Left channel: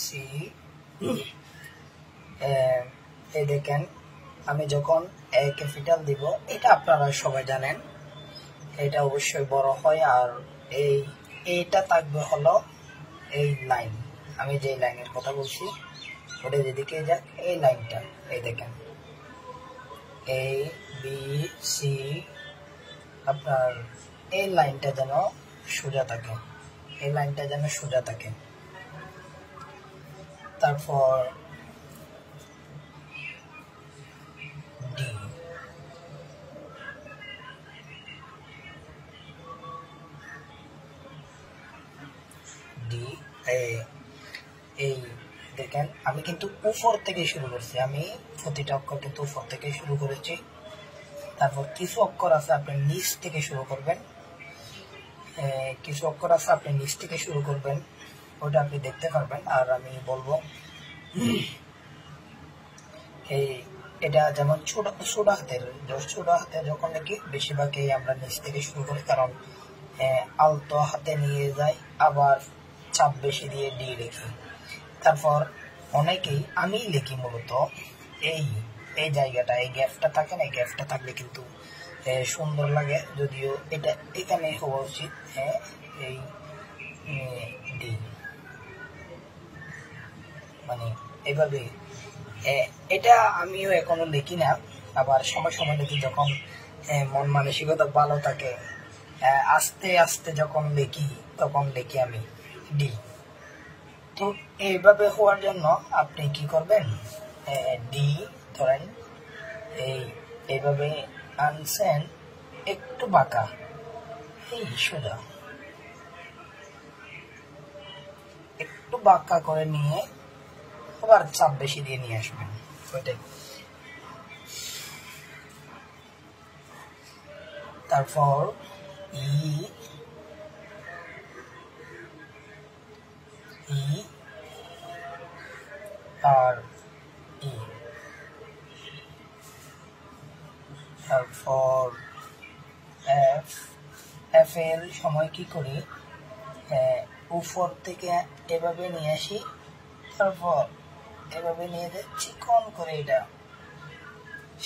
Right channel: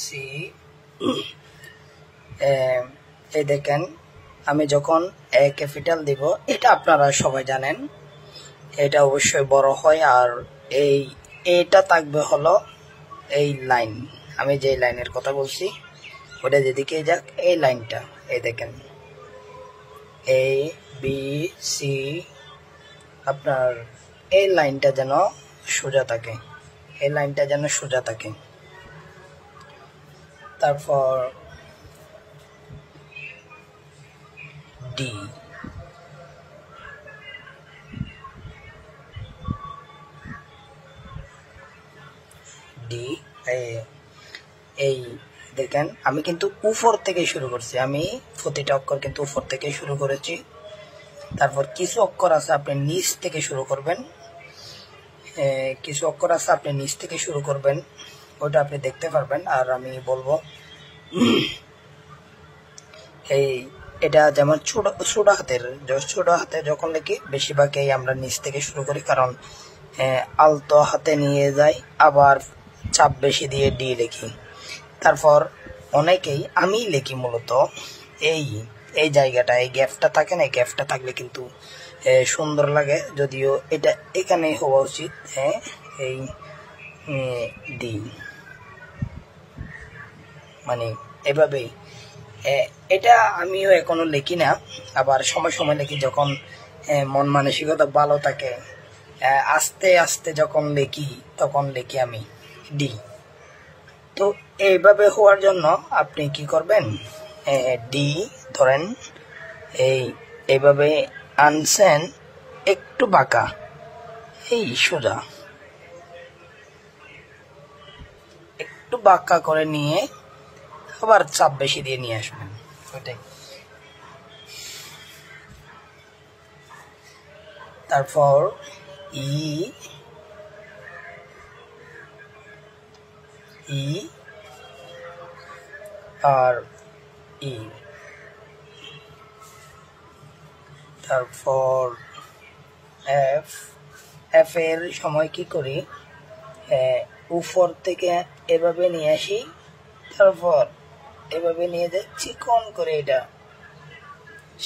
C. এই দেখেন আমি যখন এ ক্যাপিটাল দিব, এটা আপনারা সবাই জানেন, এটা অবশ্যই বড় হয়। আর এইটা থাকবে হলো এই লাইন, আমি যে লাইনের কথা বলছি ওটা যেদিকে যাক, এই লাইনটা এই দেখেন এ বি সি, আপনার এই লাইনটা যেন সোজা থাকে, এই লাইনটা যেন সোজা থাকে। তারপর ডি, ডি এই দেখেন আমি কিন্তু উপর থেকে শুরু করছি, আমি প্রতিটা অক্ষর কিন্তু উপর থেকে শুরু করেছি। তারপর কিছু অক্ষর আছে আপনি নিচ থেকে শুরু করবেন, কিছু অক্ষর আছে আপনি নিচ থেকে শুরু করবেন, ওটা আপনি দেখতে পারবেন। আর আমি বলবো এটা যেমন ছোট হাতের যখন লিখি বেশিরভাগই আমরা নিচ থেকে শুরু করি, কারণ আলতো হাতে নিয়ে যাই, আবার চাপ বেশি দিয়ে ডি লিখি। তারপর অনেকেই আমি লিখি মূলত এই জায়গাটা, এই গ্যাপটা থাকে না, এই গ্যাপটা থাকলে কিন্তু সুন্দর লাগে, যদিও এটা এখানে হওয়া উচিত। এই ডি মানে এভাবেই, এটা আমিও এখনো লিখি না, আবার সময় সময় লিখি যখন মন মানসিকতা ভালো থাকে। আস্তে আস্তে যখন লিখি তখন লিখি আমি ডি। তো এইভাবে হওয়ার জন্য আপনি কি করবেন, ডি ধরেন এইভাবে আনছেন, একটু বাঁকা, এই সোজা একটু বাঁকা করে নিয়ে আবার চাপ বেশি দিয়ে নিয়ে আসবেন, ওইটাই। তারপর ই আর ই, তারপর এফ এর সময় কি করি, উপর থেকে এভাবে নিয়ে আসি, তারপর এভাবে নিয়ে যাই চিকন করে, এটা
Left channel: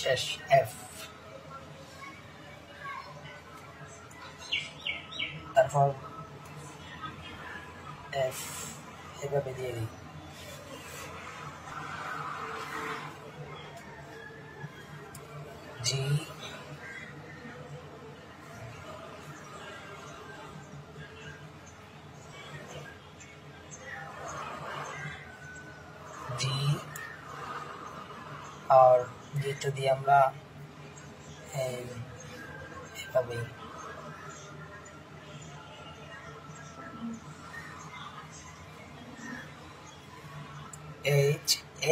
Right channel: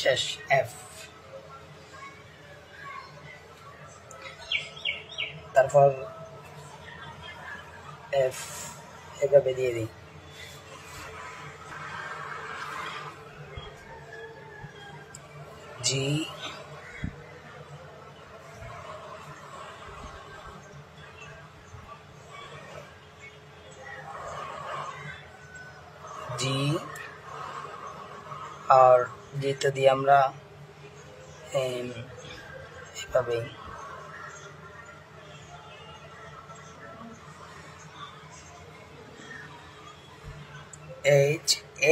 শেষ এফ। তারপর এফ এভাবে দিয়ে দিই, জি, জি আর যেটা দিয়ে আমরা এভাবে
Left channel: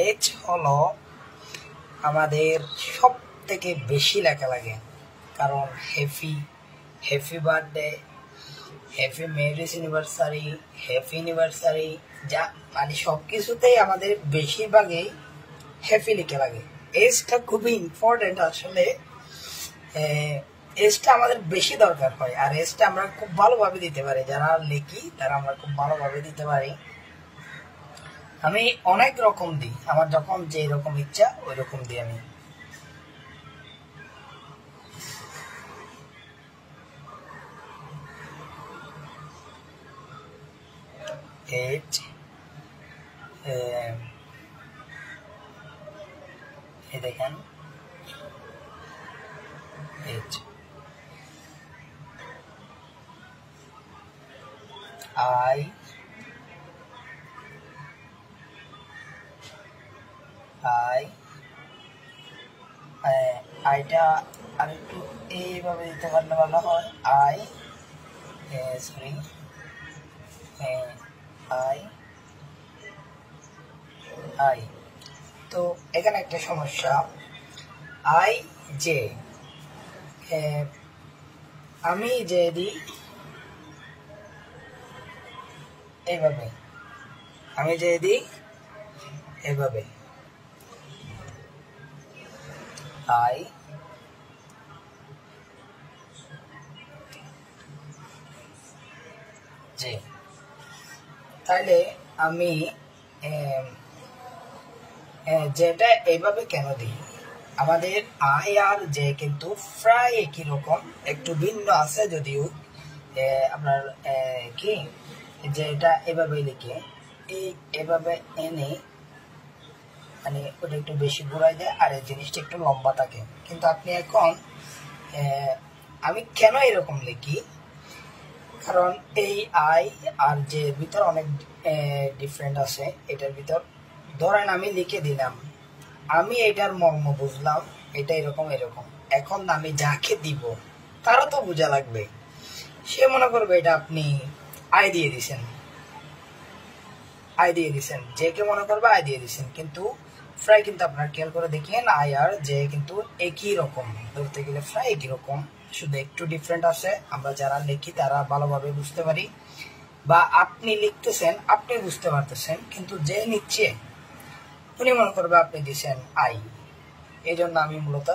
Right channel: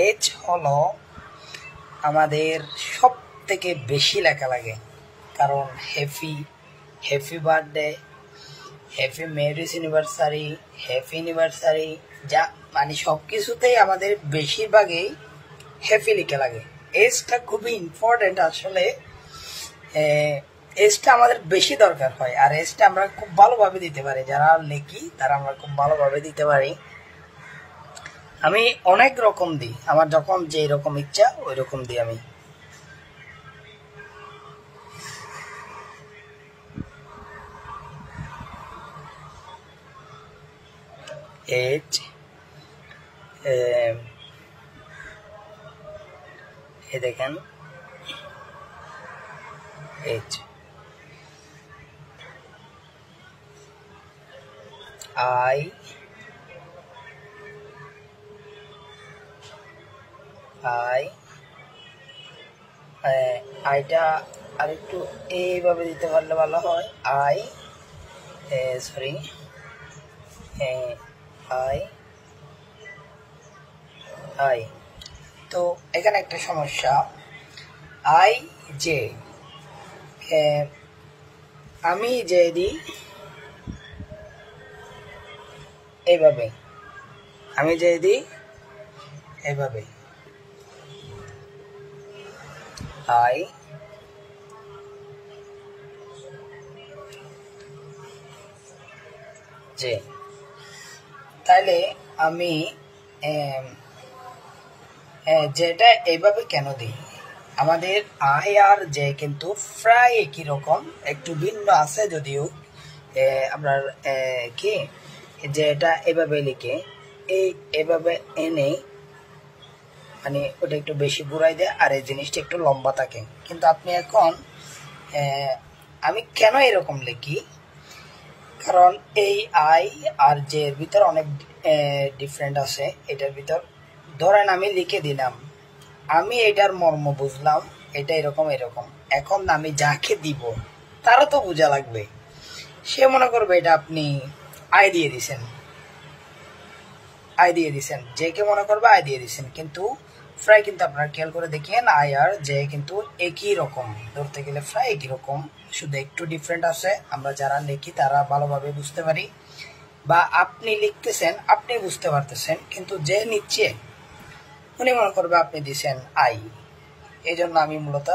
এইচ হলো আমাদের সব থেকে বেশি লেখা লাগে, কারণ happy birthday, happy marriage anniversary, happy anniversary, যা মানে সব কিছুতেই আমাদের বেশিরভাগই হ্যাপি লিখে লাগে। এজটা খুবই ইম্পর্টেন্ট আসলে, এজটা আমাদের বেশি দরকার হয়, আর এজটা আমরা খুব ভালোভাবে দিতে পারি, যারা লিখি তারা আমরা খুব ভালোভাবে দিতে পারি। আমি অনেক রকম দিই, আমার যখন যে রকম ইচ্ছা ওই রকম দিই আমি। এইচ এই দেখেন এইচ, আই আইটা আর একটু এইভাবে দিতে পারলে ভালো হয়, সরি আই। তো এখানে একটা সমস্যা, আই জে, আমি যে দিই এইভাবে, আমি যে দিই এইভাবে, আই জে, তাহলে আমি যেটা এইভাবে কেন দিই, আমাদের আই আর জে কিন্তু প্রায় একই রকম, একটু ভিন্ন আছে যদিও। আপনার কি যে এটা এভাবে লিখে এভাবে এনে মানে ওটা একটু বেশি ঘুরাই দেয় আর এই জিনিসটা একটু লম্বা থাকে। কিন্তু আপনি এখন আমি কেন এরকম লিখি, কারণ এই আই আর জে এর ভিতর অনেক ডিফারেন্ট আছে। এটার ভিতর ধরেন আমি লিখে দিলাম, আমি এটার মর্ম বুঝলাম, এটা এরকম এরকম। এখন আমি যাকে দিব তারও তো বোঝা লাগবে, সে মনে করবে এটা আপনি আই দিয়ে দিছেন, যে কে মনে করবে আই দিয়ে দিছেন। কিন্তু প্রায় কিন্তু আপনারা খেয়াল করে দেখেন আই আর জে কিন্তু একই রকম, ধরতে গেলে প্রায় একই রকম, শুধু একটু ডিফারেন্ট আছে। আমরা যারা লিখি তারা ভালোভাবে বুঝতে পারি, বা আপনি লিখতেছেন আপনি বুঝতে পারতেছেন, কিন্তু যে নিচ্ছে উনি মনে করবে আপনি দিচ্ছেন আই। এই জন্য আমি মূলত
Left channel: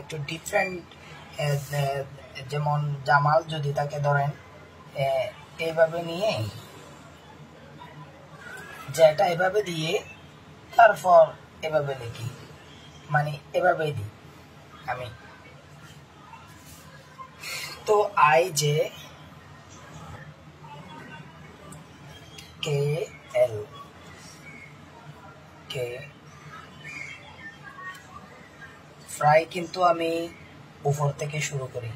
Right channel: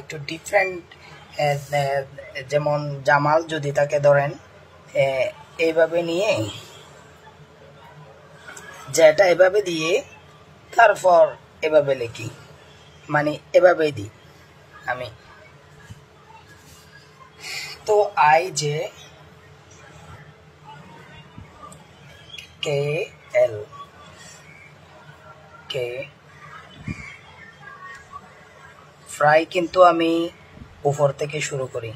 একটু ডিফারেন্ট, যেমন জামাল যদি তাকে ধরেন এইভাবে নিয়ে যেটা এভাবে দিয়ে তারপর এভাবে লিখি, মানে এভাবেই দিই আমি। তো I J K L K fry কিন্তু আমি উপর থেকে শুরু করি,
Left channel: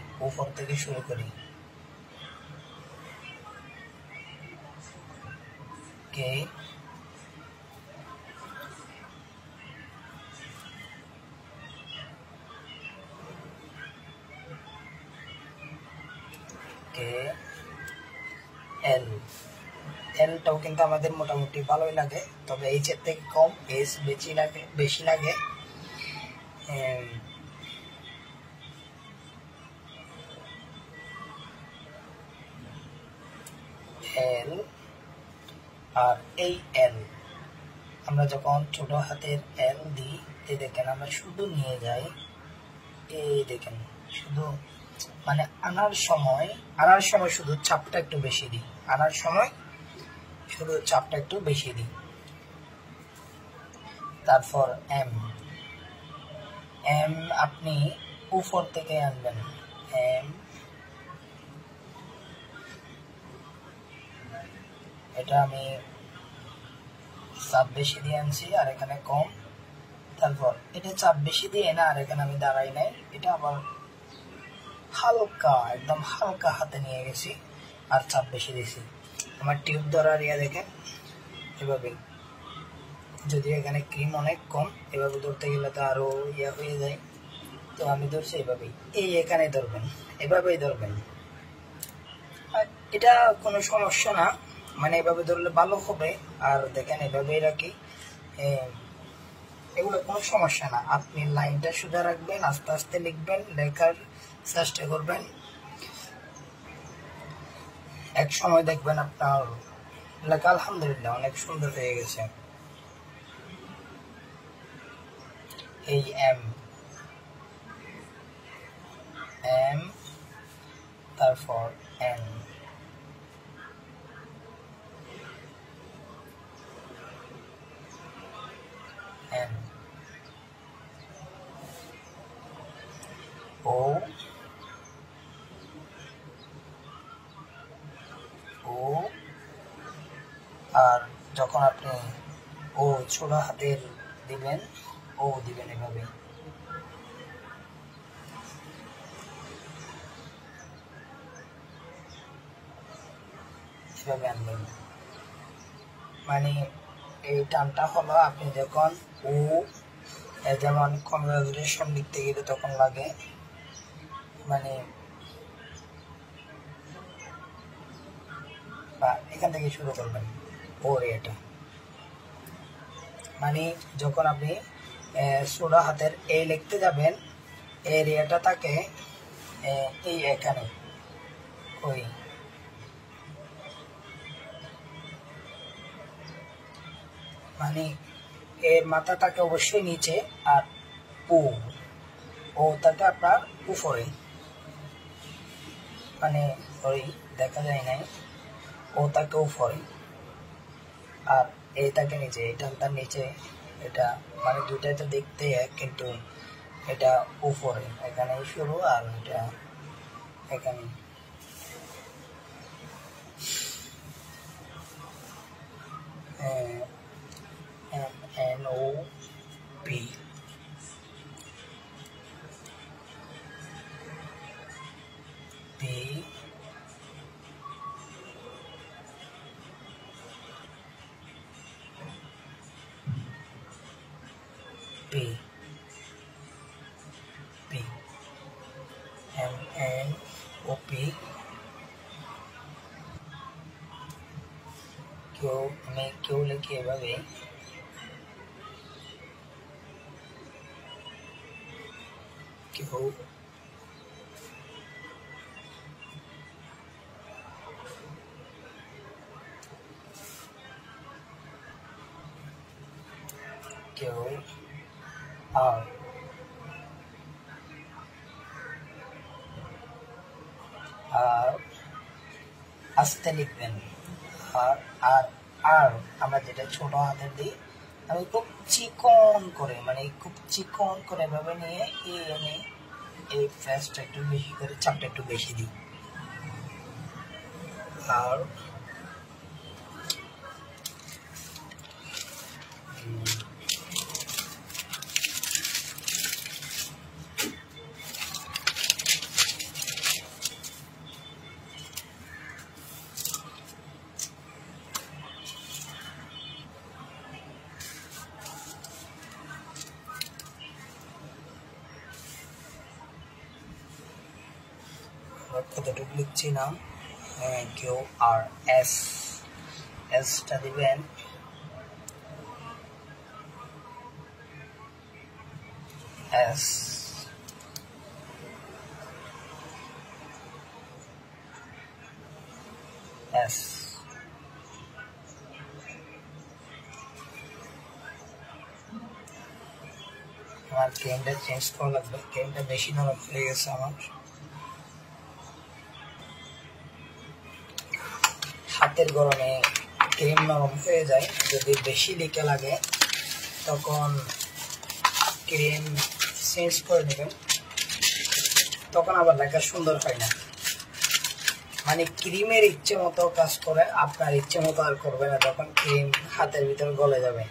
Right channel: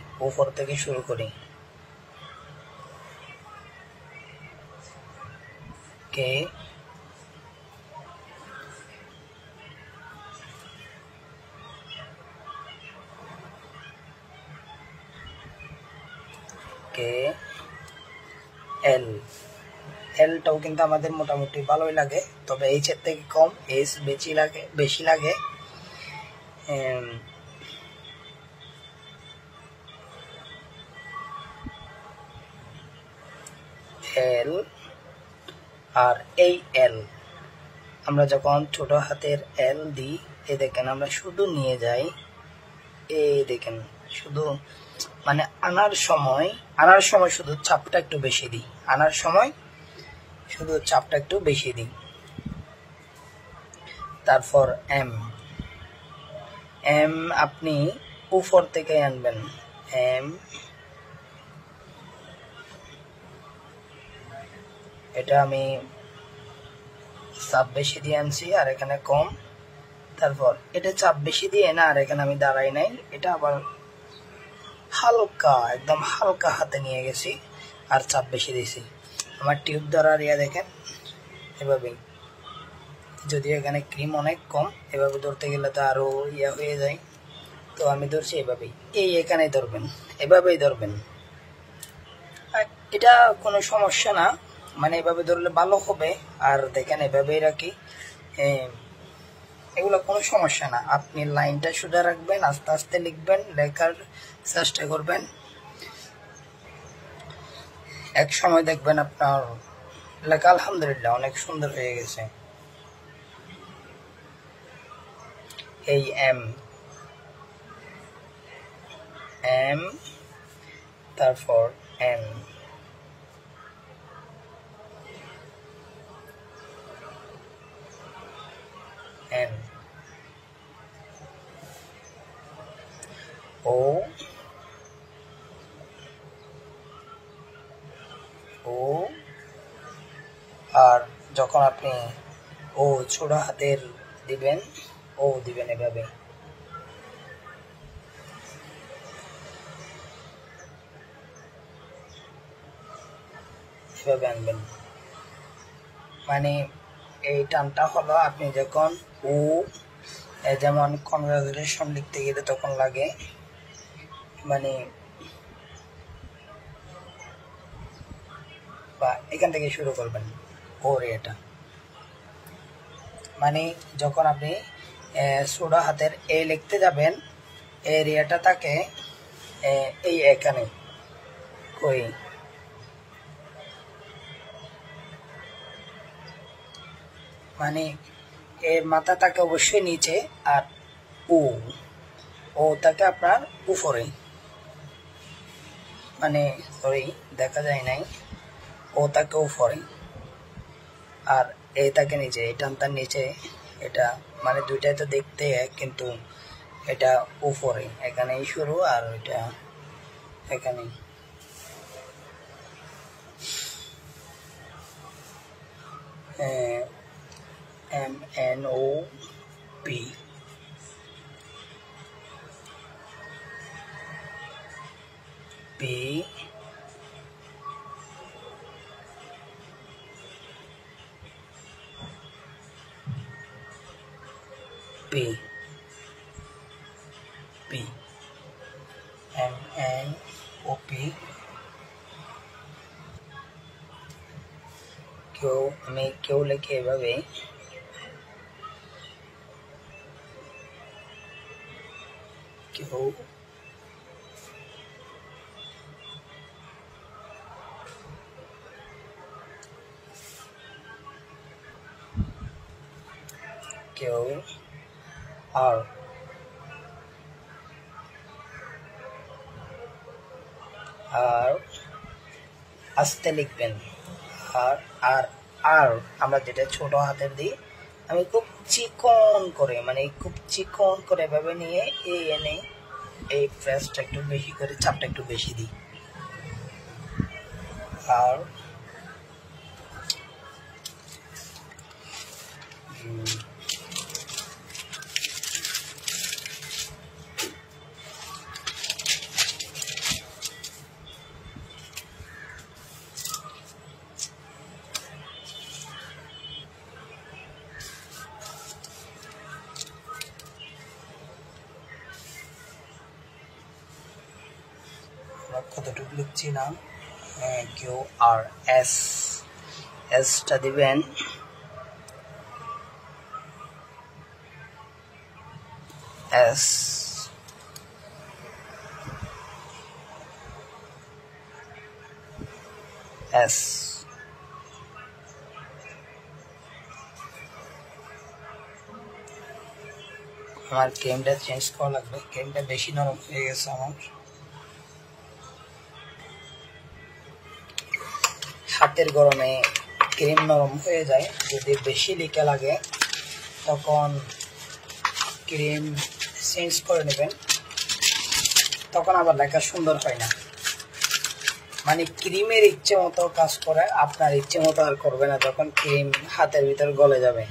কে কে এল, এলটাও কিন্তু আমাদের মোটামুটি ভালোই লাগে, তবে এইচ এর থেকে কম, এইচ বেশি লাগে। এল আর এই এল আমরা যখন ছোট হাতের এল দিই, এই দেখেন আমরা শুধু নিয়ে যাই, এই দেখেন শুধু মানে আনার সময় শুধু চাপটা একটু বেশি দিই, তারপর এম, আপনি উপর থেকে আনবেন, এম এটা আমি চাপ বেশি দিয়ে আনছি আর এখানে কম, তারপর এটা চাপ বেশি দিয়ে না আর এখানে আমি দাঁড়াই নাই, এটা আবার হালকা একদম হালকা হাতে নিয়ে গেছি আর চাপ বেশি দিয়েছি। আমার টিউব ধরার দেখেন এভাবে, যদি এখানে ক্রিম অনেক কম, এভাবে ধরতে গেলে তো আরো হয়ে যায়, তো আমি ধরছি এভাবেই, এখানেই ধরবেন, এভাবেই ধরবেন, এটা কোনো সমস্যা না, মানে এভাবে ধরলে ভালো হবে। আর দেখেন এভাবেই রাখি, এগুলো কোনো সমস্যা না। আপনি লাইনটা সোজা রাখবেন, আস্তে আস্তে লিখবেন, লেখার চেষ্টা করবেন, এক সময় দেখবেন আপনার লেখা আলহামদুলিল্লাহ অনেক সুন্দর হয়ে গেছে। এই এম তারপর এন, ও আর যখন আপনি ও ছোট হাতের দিবেন, এভাবে, আনবেন। মানে এই টানটা হলো আপনি যখন ও, যেমন কনগ্রাচুলেশন লিখতে গেলে তখন লাগে, মানে বা এখান থেকে শুরু করবেন ওর এটা, মানে যখন আপনি ছোট হাতের এ লিখতে যাবেন, এরিয়াটা থাকে এই এখানে, ওই মানে এর মাথা থাকে অবশ্যই নিচে, আর ও থাকে আপনার উপরে, মানে সরি দেখা যায় নাই, ও থাকে উপরে, আর এটাকে নিচে, এই টানটার নিচে, এটা মানে দুইটাই তো দেখতে এক, কিন্তু এটা উপরে, এখানেই শুরু আর এটা এখানে। MNOP P P P MNOP আমি কেউ লিখে এভাবে কেউ কেউ আর আস্তে লিখবেন। আর আর আর আমরা যেটা ছোট হাতের দিই, আমি খুব চিকন করে, মানে খুব চিকন করে এভাবে নিয়ে এনে এই প্রেসটা একটু বেশি করে, চাপটা একটু বেশি দিই। আর কতটুকু লিখছি না, কিউ আর এস, এসটা দিবেন এস, এস আমার গেমটা চেঞ্জ করা লাগবে, গেমটা বেশি নরম হয়ে গেছে আমার। হাতের গরমে ক্রিম নরম হয়ে যায়, যদি বেশি লিখে লাগে তখন ক্রিম চেঞ্জ করে নেবেন, তখন আবার লেখা সুন্দর হয় না। মানে ক্রিমের ইচ্ছে মতো কাজ করে, আপনার ইচ্ছে মতো আর করবে না, যখন ক্রিম হাতের ভিতরে গলে যাবে।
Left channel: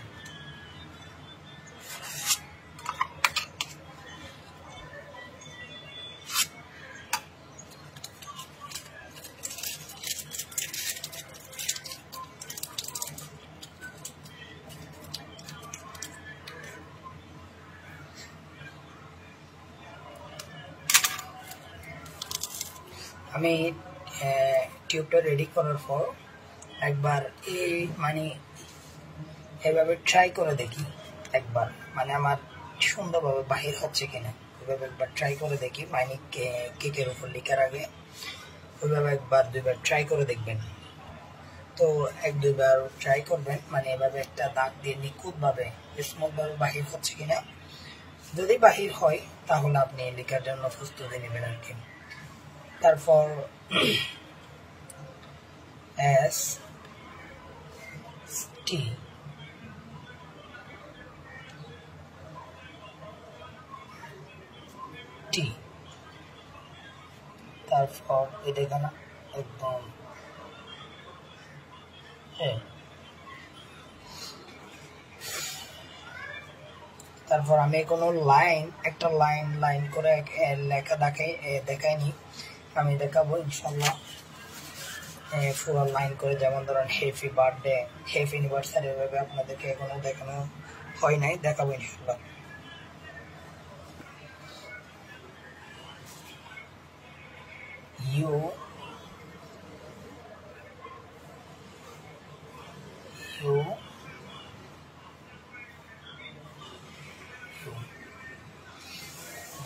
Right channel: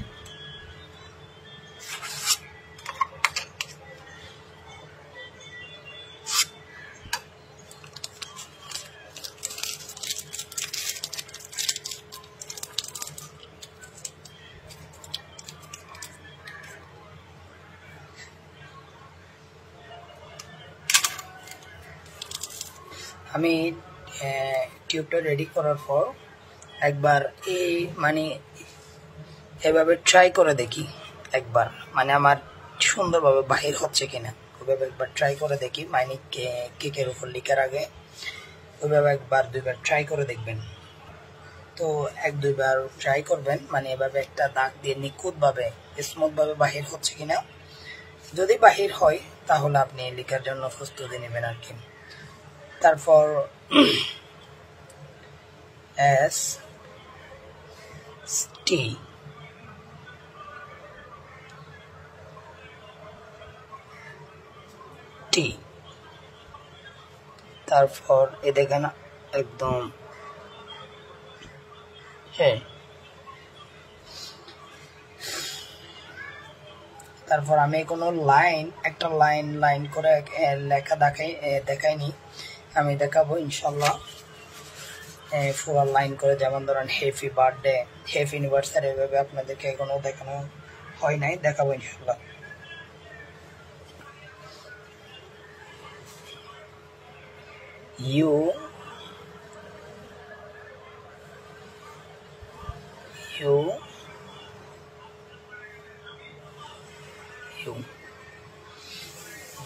আমি টিউবটা রেডি করার পর একবার এই মানে এভাবে ট্রাই করে দেখি একবার, মানে আমার সুন্দরভাবে বাহির হচ্ছে কিনা, ওইভাবে একবার ট্রাই করে দেখি। মানে কেকের উপর লিখার আগে ওইভাবে একবার দুইবার ট্রাই করে দেখবেন। তো এক দুইবার ট্রাই করবেন, মানে এভাবে একটা দাগ দিয়ে নিখুঁতভাবে স্মুথভাবে বাহির হচ্ছে কিনা। যদি বাহির হয় তাহলে আপনি লিখার জন্য প্রস্তুতি নেবেন আর কি। তারপর এস টি টি, তারপর এ দেখেন একদম, হ্যাঁ। তারপর আমি কোনো লাইন, একটা লাইন লাইন করে লেখা দেখাইনি, আমি দেখাবো ইনশাল্লাহ পুরো লাইন করে। যেমন ধরেন হ্যাপি বার্থডে, হ্যাপি অ্যানিভার্সারি, এভাবে আপনাদেরকে এখনো দেখানো হয় নাই, দেখাবো ইনশাল্লাহ। U U U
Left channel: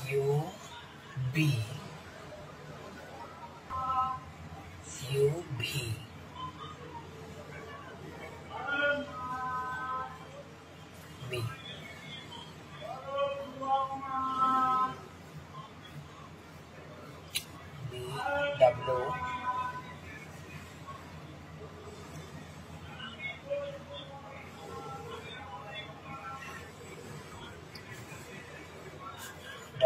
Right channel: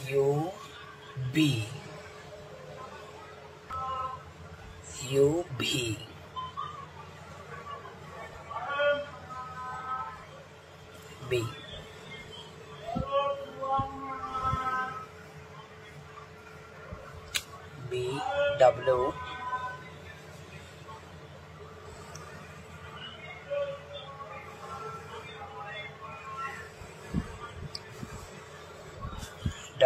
U B U V B B W W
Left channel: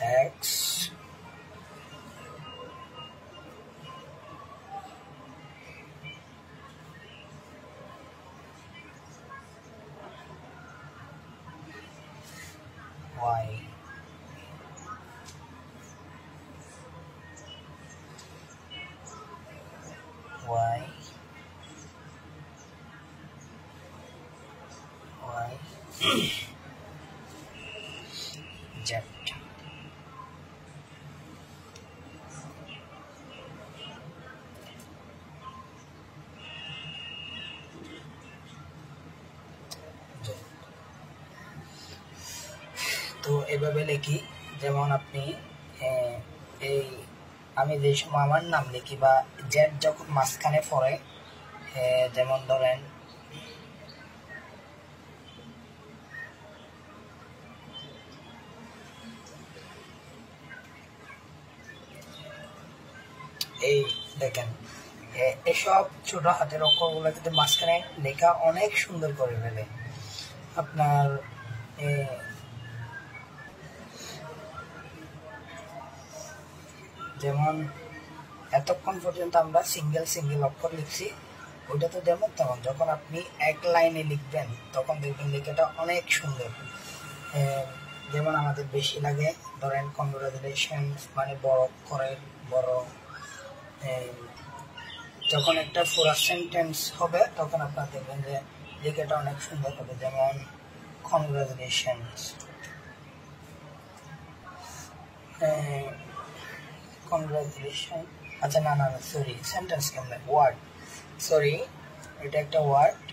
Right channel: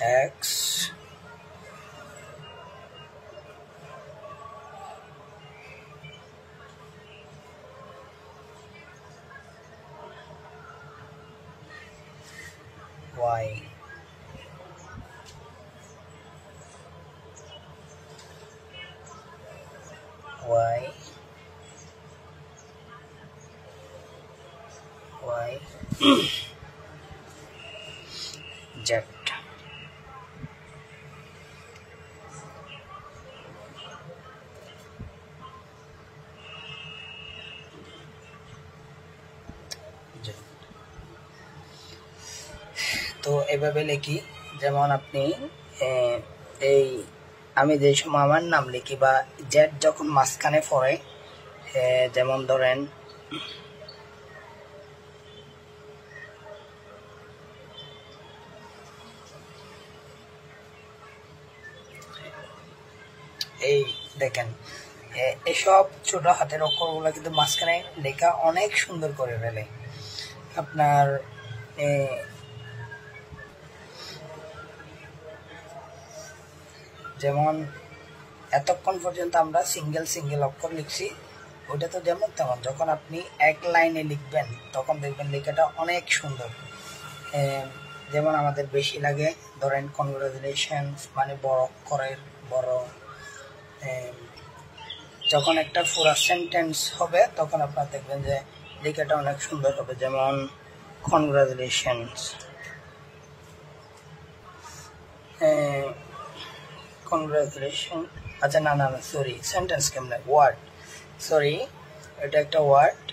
X Y Z তো এভাবে লিখি, যেমন আপনি এই আমি যে সময় আমার নাম লিখি বা জেড যখন মাঝখানে পড়ে, যেমন ধরেন এই দেখেন এসব ছোট হাতের অক্ষরগুলো কিন্তু মাঝখানে লেখা অনেক সুন্দর করে ফেলে। আপনার যেমন এতক্ষণ পর্যন্ত আমরা সিঙ্গেল অক্ষর লিখছি, ওইটা তো যেমন তেমন যখন আপনি এক লাইনে লিখবেন তখন দেখবেন লেখাটা অনেক সুন্দর। যেমন আমাদের বেশি লাগে ধরেন কনগ্রাচুলেশন মানে বড় অক্ষরের বড়, যখন একটা পুরা সেন্টেন্স হবে তখন আপনারা দেখবেন যে লেখাটা অনেক সুন্দর হবে। যেমন কনগ্রাচুলেশনস, কনগ্রাচুলেশন, আচ্ছা না সরি সেন্টেন্স কেমন ওয়ার্ড, সরি এটা একটা ওয়ার্ড,